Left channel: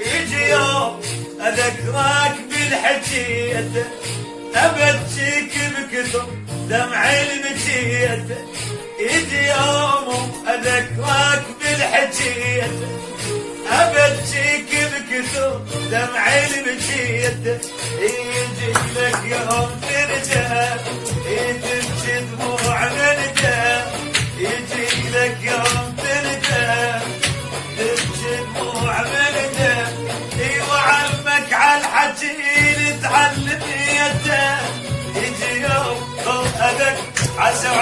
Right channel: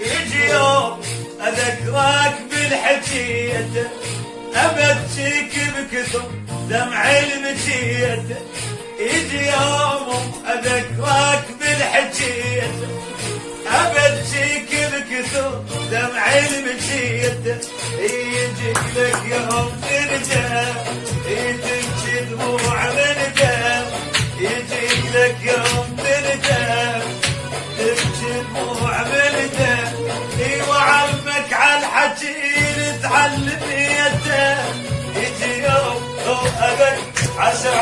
يجي يوم اذكرك بالحكيت، ابكيك بكثر دمع المجيت. يجي يوم اذكرك بالحكيت، ابكيك بكثر دمع المجيت. يجي لك يوم ترجع تبكي دموع الندم، يجي لك يوم ترجع تبكي دموع الندم. وعلمك عالحكي تعلم يده، يجي يوم اذك عشر